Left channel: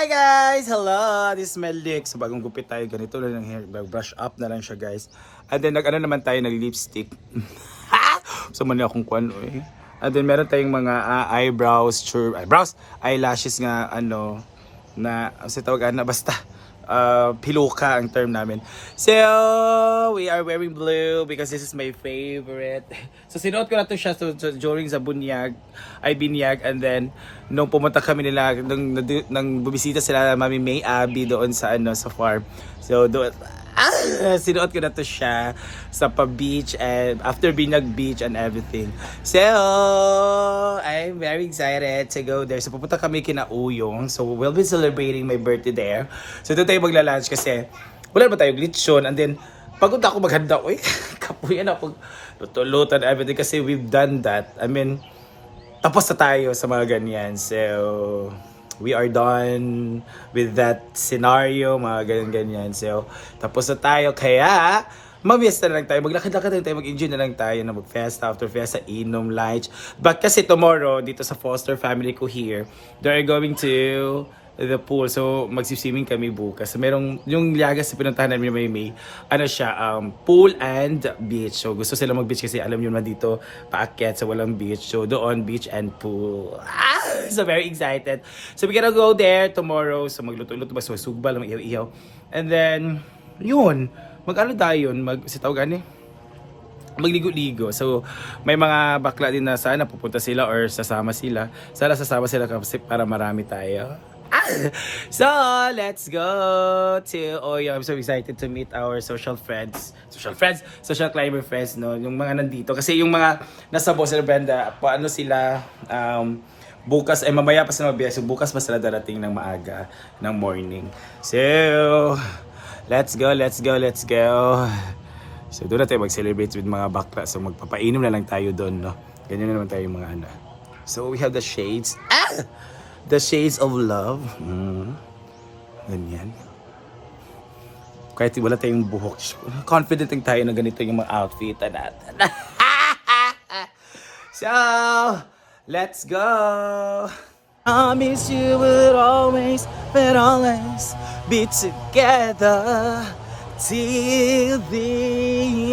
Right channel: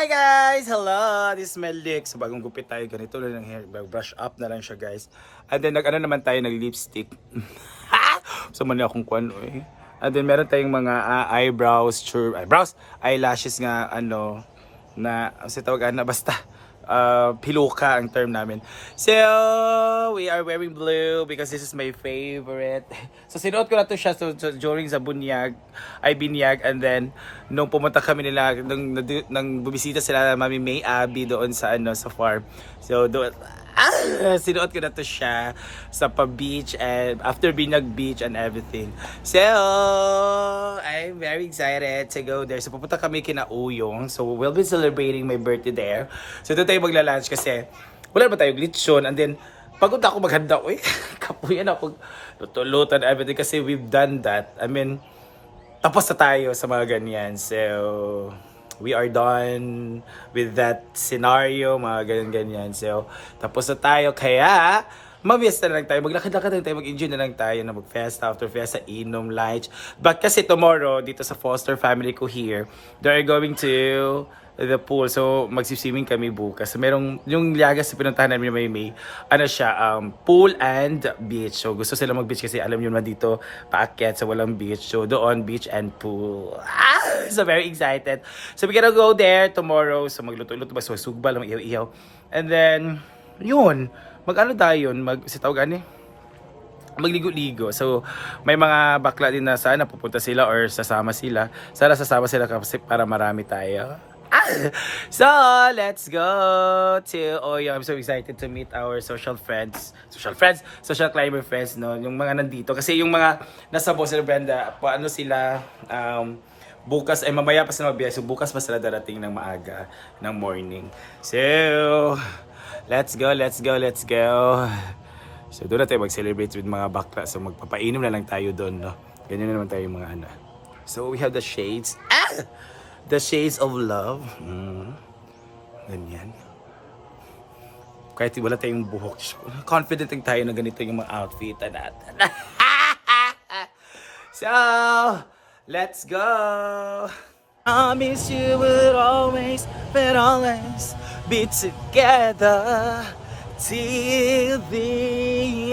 Hi guys! Hello! This is Melik. So bagong gupit tayo, ganito lang ng hair. Brush up na lang siya guys. And then nag-ano naman tayo, nag-lipstick. So mali akong kuwan eh. And then meron tayong mga eyebrows, eyelashes nga ano, na, kasi tawag na basta. Piluka ang term namin. So, we are wearing blue because this is my favorite. So, sinuot ko na to siya during sa binyag, and then, nung pumunta kami nila, nang bumisita sila Mami May Abby doon sa, sa farm. So, doon, sinuot ko na to siya sa pa-beach and after Binyag Beach and everything. So, I'm very excited to go there. So, pupunta kami kina Uyong. So, we'll be celebrating my birthday there. So, doon tayo magla-lunch kasi wala ba tayo lechon and then pagod ako maghanda. Uy, kapuyan ako luto-luto and everything kasi we've done that. I mean, tapos na tayo sa mga ganyan. So, we are done with that scenario, mga ganyan-ganyan. So, tapos na tayo. Kaya, mag-fiesta na lang tayo. Maglakad-lakad na tayo. Mag-enjoy na lang tayo na mag-fiesta, after fiesta, inom, lunch. But kasi tomorrow, dito sa Foster family ko here, they're going to the pool. So, magsiswimming kami bukas. So, merong, yung Liagas sa pinuntahan namin may ano siya, pool and beach. So, gusto sila mag-beach kasi alam nyo na dito, paakyat sa walang beach. So, doon, beach and pool. So, very excited. So, we're gonna go there tomorrow. So, magluto-luto ba? So, sugbal, mag-ihaw-ihaw. And then, yun. Mag-ano tayo yun? Sitawagan magligo-ligo. So, may mga bakla din na sana pupunta sila or sasama sila. Sana sasama sila kasi para marami tayo. So, let's go to I'm so excited to meet our social climber friends, no? Yung mga nandito. Kasi yung mga nasa Bossel Brenda, paano sila, bukas, ay mamaya pa sila mabiyay. So, bukas pa sila darating ng maaga, ng morning. So, let's go. So, doon na tayo mag-celebrate with mga bakla. So, magpapainom na lang tayo doon, no? Ganyan na naman tayo mga ano. So, we have the shades. The shades of love. Ganyan. Kahit wala tayong buhok, confident lang tayo na ganito yung mga outfit natin. So, let's go! Promise you would always be together till the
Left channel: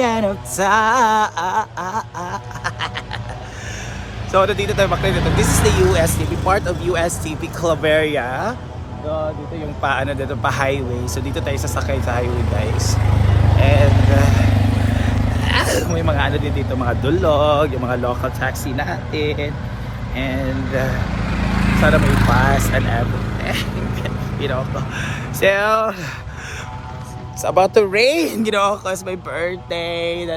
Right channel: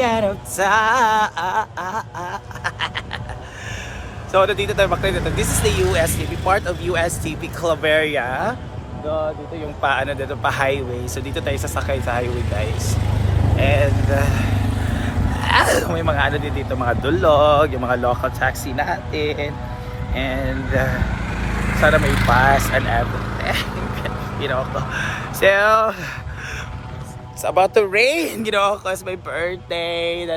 end of time. So, dito tayo makita. This is the USTP, part of USTP Claveria. Dito yung dito pa highway. So, dito tayo sasakay sa highway, guys. And, may mga ano din dito, mga dulog, yung mga local taxi natin. And, sana may pass and everything. You know, so, it's about to rain, you know, because my birthday.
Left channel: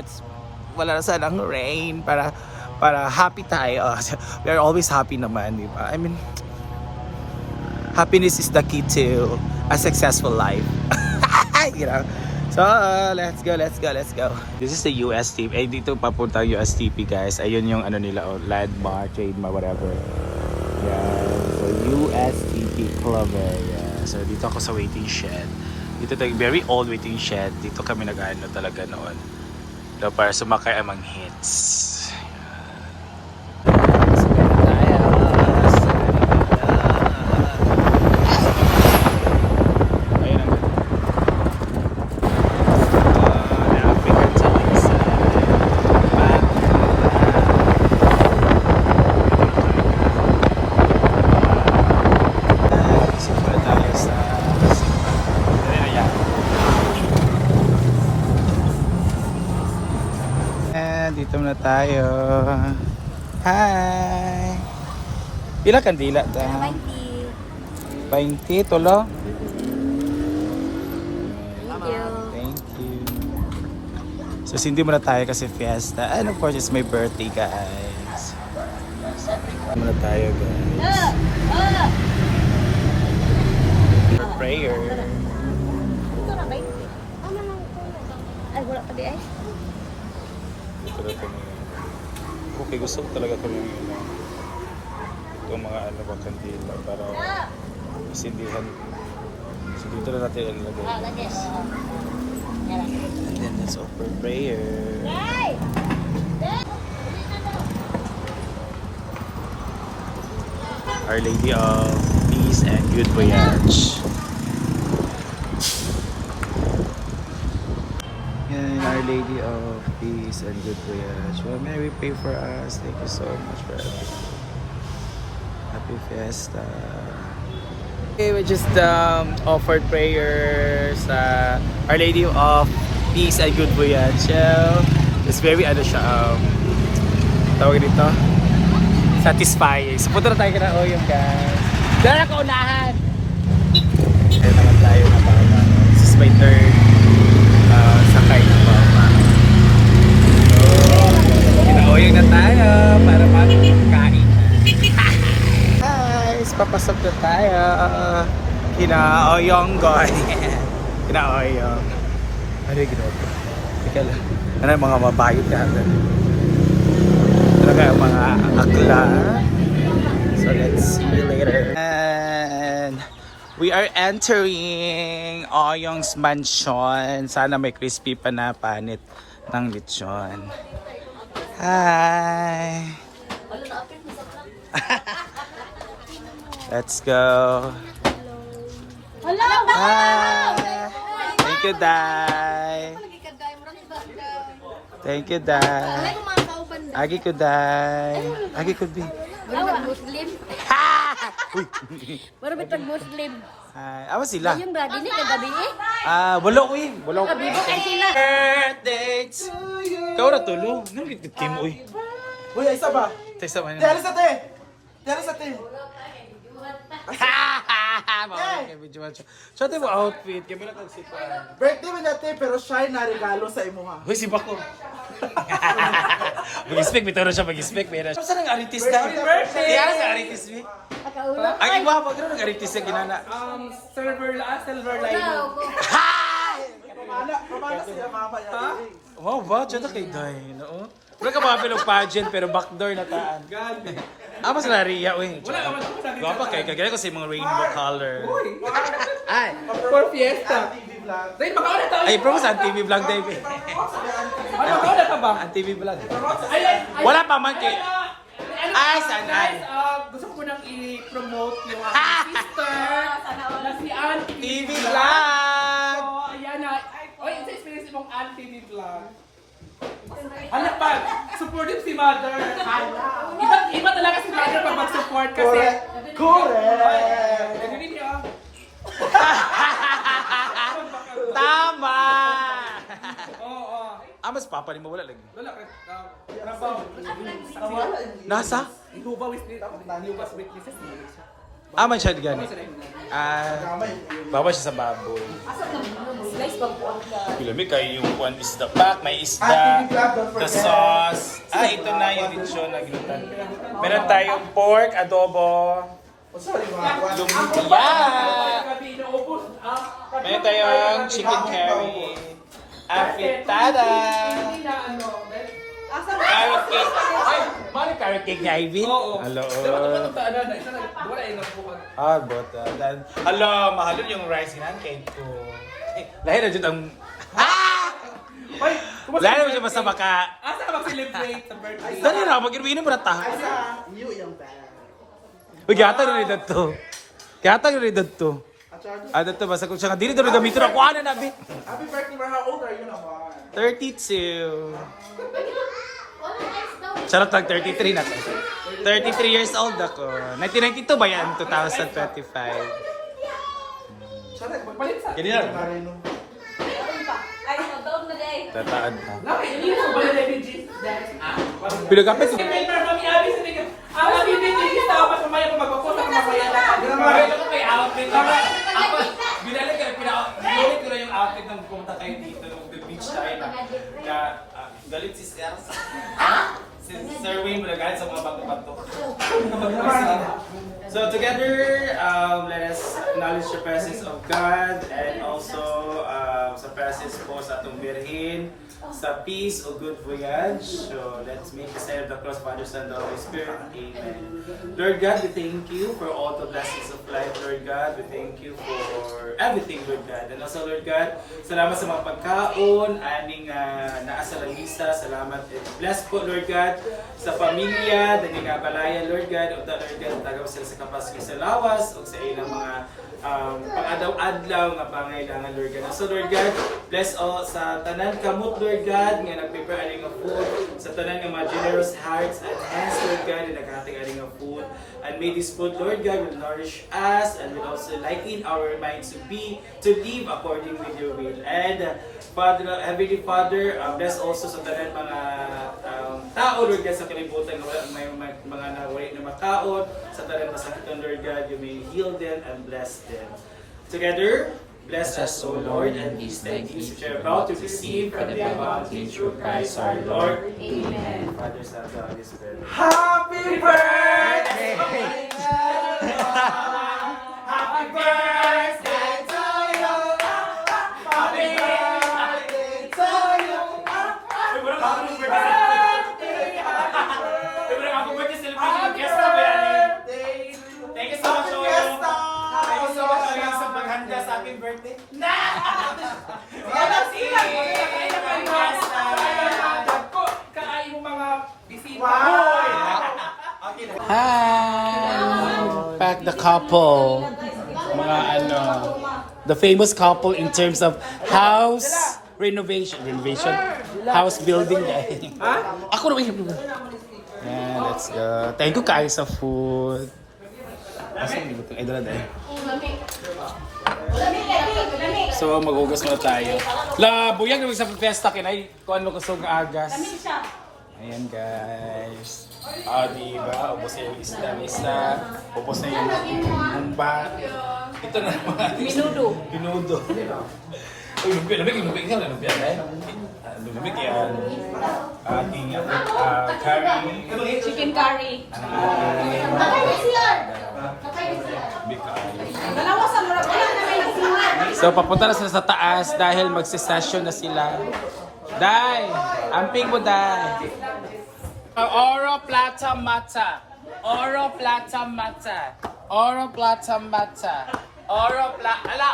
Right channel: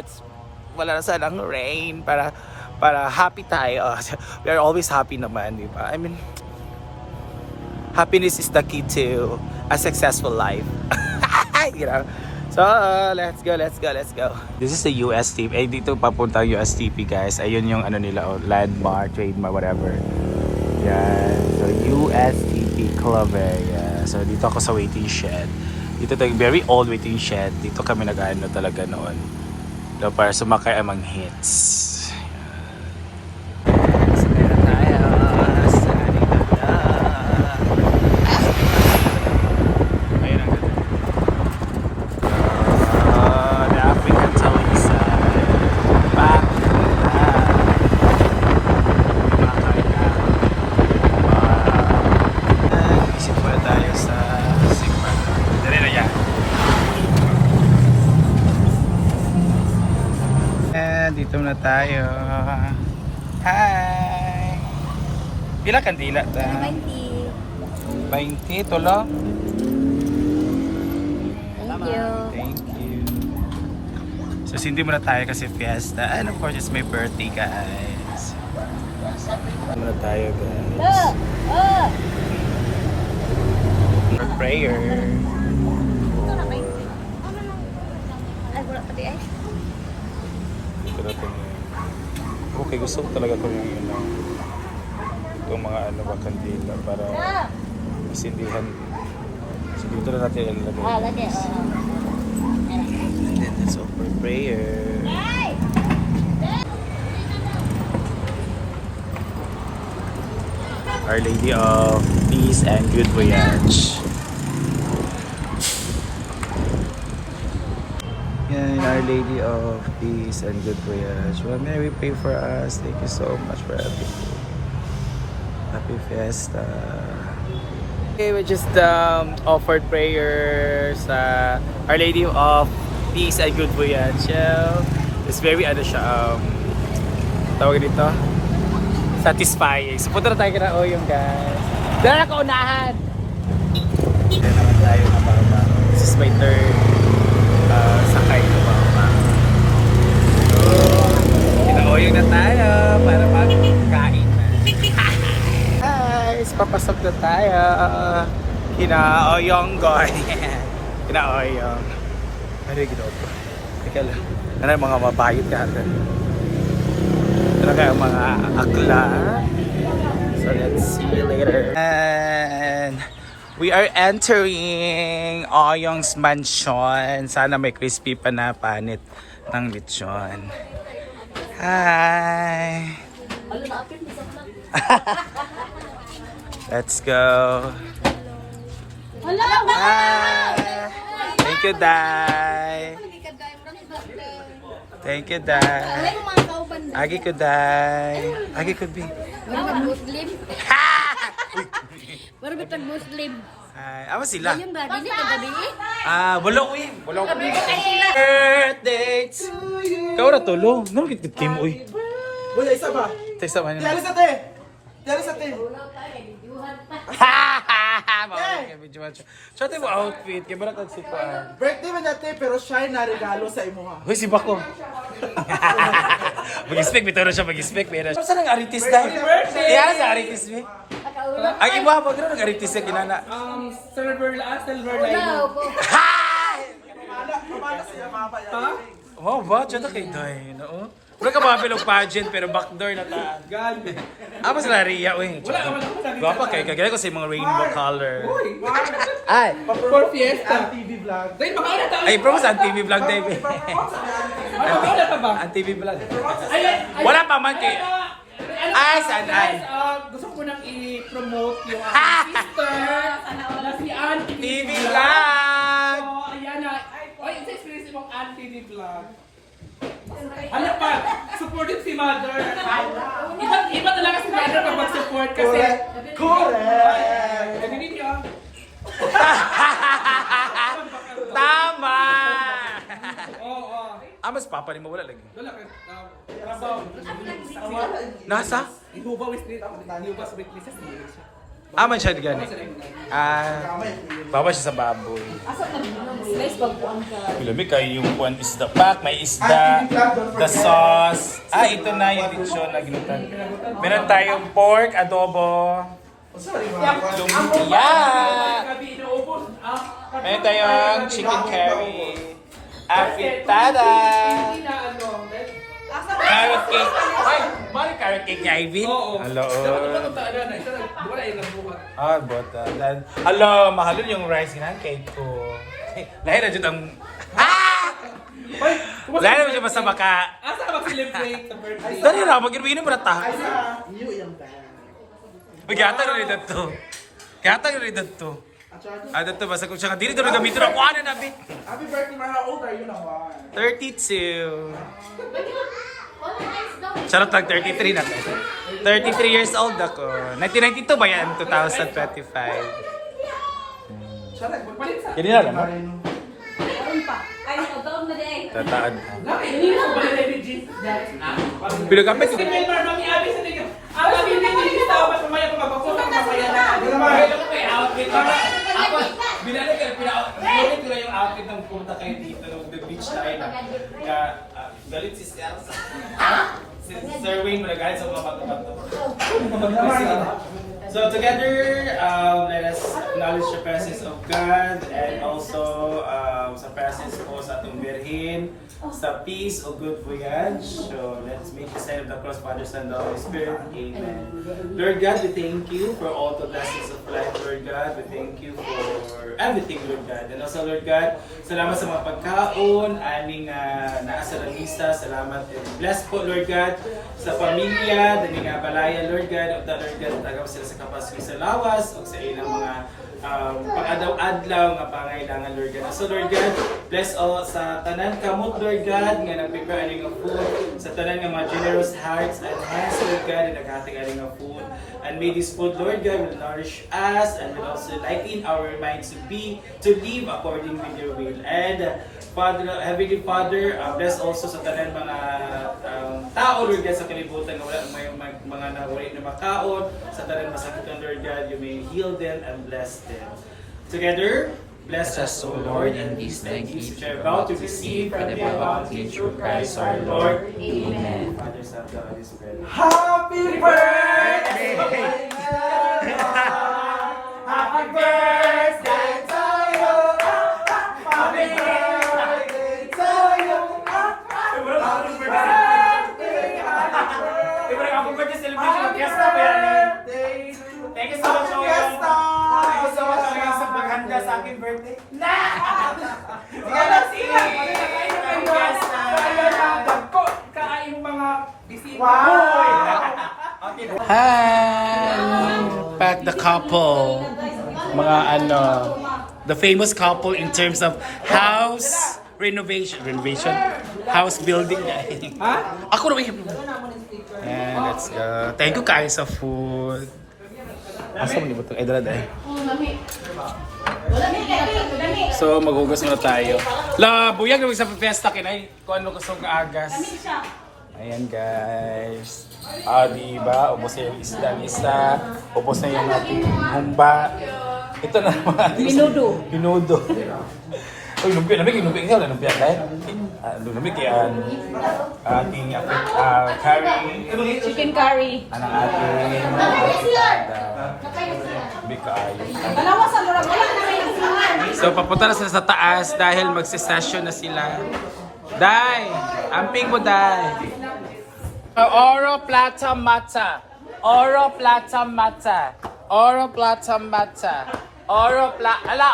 Wala na sanang rain para happy tayo. We are always happy naman, di ba? I mean, happiness is the key to a successful life. You know? So, let's go. This is the USTP. Eh, dito papunta ang USTP, guys. Ayun yung ano nila, landmark, trademark, whatever. Yan. So, USTP Club. Yeah. So, dito ako sa waiting shed. Dito tayo, very old waiting shed. Dito kami nag-ano talaga noon. So, para sumakay among hits. Dito na tayo. Hi! Pila kandila ta? 20. 20, tolo? Thank you. Thank you. So, sindi muna tayo kasi fiesta. And of course, it's my birthday, guys. Muna tayo, guys. For prayer. Ay, wala pa di ay. Okay, gusto ko talaga ito yung mga ano ba kandila para masindihan. So dito na natin ilagay. And then let's offer prayer. Our Lady of Peace and Good Voyage. Yan, Our Lady of Peace and Good Voyage. Well, may we pray for us. Thank you so much for everything. Happy Fiesta. Okay, we just offered prayers sa Our Lady of Peace and Good Voyage. So, it's very tawag dito, satisfying. So punta na tayo kina Oyong, guys. Dala ka unahan! Kaya naman tayo na papa. This is my third sakay na papa. So, kina Oyong na tayo para magkain na. Guys, papasok na tayo. Kina Oyong, goy. Kina Oyong. Ano yung ginawa ko? Teka lang. Ano yung mga mabayot ka agad? Talaga yung mga akla. So let's see you later. And we are entering Oyong's mansion. Sana may crispy pa na panit ng lechon. Hi! Let's go. Hi! Thank you, Day. Thank you, Day. Agi ko, Day. Agi ko, Bi. Muslim. Baru bitag Muslim. Ay, awa sila. Ayun ba, dili ka gabi eh. Wala ko eh. Wala ko. Birthday to you. Kau ra tulo. Ngano kit kim uy. Wala, isa ba? Tesa man. Tiyaris sa te! Tiyaris sa te! Mawala kay video watch. Shot mo outfit kay bara kag sikuan. Birthday man natin pero siya na regalo sa imo ha. Hoy si Bako. Mag-expect bitaw na siya mag-expect pero. Sa nang aritis dai. Iya sa aritis ni. Ang iba pa gano nag aritis sa kinana. Silver line mo. Wow, ba? Diyan na kay Day. No? Wala ka mga pilong pageant pero backdoor na taan. Gali. Mas Laria, uy. Wala ka man ako sa Guwapa kay kagaya ko sa mga rainbow color. Ay, For fiesta. TV vlog. Dahil makauna tayo. ay, promo sa TV vlog Dave. Ano, makauna ka ba? Ang TV vlog. Ayun. Wala pa man kay. Ay, saan ay? Gusto ko nang i-promote yung aking sister na si Auntie TV Vlog. vlog. So, ayan na. Oy, isa experience mong Auntie ni Vlog. Anak pa, supportive si Mother. Iba talaga si Mother pag mag-support kasi. Correct! Ganyan niyo. Tama. Oo. Mas papa ni mo wala lagi. Wala ka. Trabaho. Nasa? Ihubawis ni Ihubas witnesses niya siya. Man siya gani. Baba siya sa baboy. Kilami kayo yung one is the pack, may isda, the sauce. Ito na yung lechon na ginutan. Meron tayong pork, adobo, lumpia. Meron tayong chicken curry, afitada, carrot cake. Ay, mali carrot cake niya, Ivy? Oo. Hello. Ano Bota. Hello, mahal yung rice ginan cake ko. Lahir na dyan ang... Lahir na dyan basta baka... Asa ka mag-celebrate sa birthday? Dali na, mag-inumin mo na ta. You yung band. Magyata na rin dito. Kaya na rin dito. Dito, basta kung siya nga, dili doon gamitin ako. Ano na, Bi? Happy birthday, how old are you naman? 32. Charot lang, 33 na to. 33 years old ako. 1992 ba yan? 2025. Charot, magpalit sa... Ganyan na naman. Tataan ka. Laki, hindi mo ba yung refugees? Pinagkapit ko. Email para mami-abi sa tingin. Ang lagi din hindi sa mas mamaya ko magpapos ang masaya na. Mahal ko may outfit. Ako, binalik kayo, binalik ko na yung outfit nung pumunta kayo dito, nung the beach tayo na. Galit si Sir. Si Sir Wayne, galit sa mga bato-bato. So together, let us acknowledge the presence of God and also sa presence po sa atong Birhin, sa peace o good voyage. So let's make the sign of the cross, Father, Son, and the Holy Spirit. Amen. Lord God, we thank you for all the blessings of life, Lord God. We thank you for everything, Lord God. And also, Lord God, salamat sa mga pagkaon, aming naasa ng misa. Salamat and bless po, Lord God, sa pamilya, dahil nga balaya, Lord God, o Lord God, tagaw sila sa kapaski sa lawas o sa ilang mga pang-adlaw-adlaw nga pangailangan, Lord God. So Lord God, bless all sa tanan kamot, Lord God, nga nag-prepare aning nga food, sa tanan nga mga generous hearts and hands, Lord God, na naghahatag aning nga food. And may this food, Lord God, will nourish us and will also lighten our minds to live according with your will. And Father, Heavenly Father, bless also sa tanan mga tao, Lord God, sa kalibutan nga wala may mga nawala na makaon, sa tanan masakitan, Lord God, you may heal them and bless them. Together, bless us, O Lord, and these thanks which are about to receive from the bounty through Christ our Lord. Amen. Father, Son, and Holy Spirit. Happy birthday! Happy birthday to you! Happy birthday to you! Happy birthday celebration of Fiesta, Bernie! Thank you so much, Oyong! Thank you so much, Oyong, sa paghanda sa aking birthday. Na! Sige na, sige! Fiesta! Kaayong mga bisita. Hi! Back the couple. Mga the famous couple in terms of house renovation. House building. Ako na yun. And let's go. Thank you guys sa food. Asa mo nibutong? Ay, dala dahil. So, maghugas muna tayo. La, buyag naman sa fiesta kinay. Kung ano kusog na agas. Ayan guys. Diba? Ubos na yung isda ng isa. Ubos na yung ating humba. Ito na naman ating Pinudo. Uy, lumpia. Lamig yung lumpia. Ikaw na lumpia dahil. Lumig yan. Ating curry. Chicken curry. Anong ating bikayo. Malawasan mo lang. Wala na may nagsimuhan. So, papunta na sila sa taas dahil magsisession na sila. Dai! Amping mo, Dai! Oro plata mata. Oro plata mata. Oro plata mata. Oro plata. Ala,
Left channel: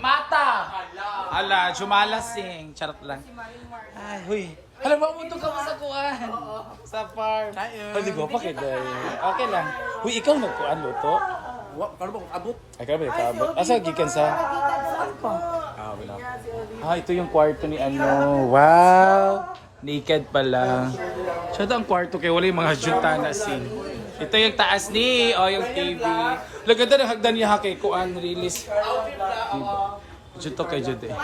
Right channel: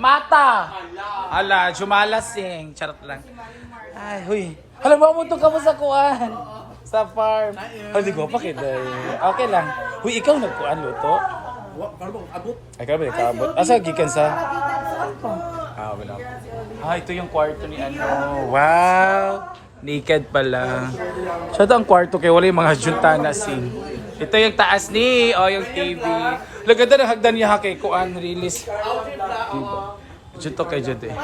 mata! Ala, jumalasing. Charot lang. Ay, huy. Hala, mamunto ka mo sa kuan. Sa farm. Hindi ko pa kita. Okay lang. Huy, ikaw nagkuan mo to? Abot. Ay, ka ba abot? Asa, gikan sa? Wala. Ito yung kwarto ni ano. Wow! Naked pala. Siya ang kwarto kaya wala yung mga juntana scene. Ito yung taas ni, yung TV. Laganda ng hagdan niya kay kuan release. Junto kay Jude.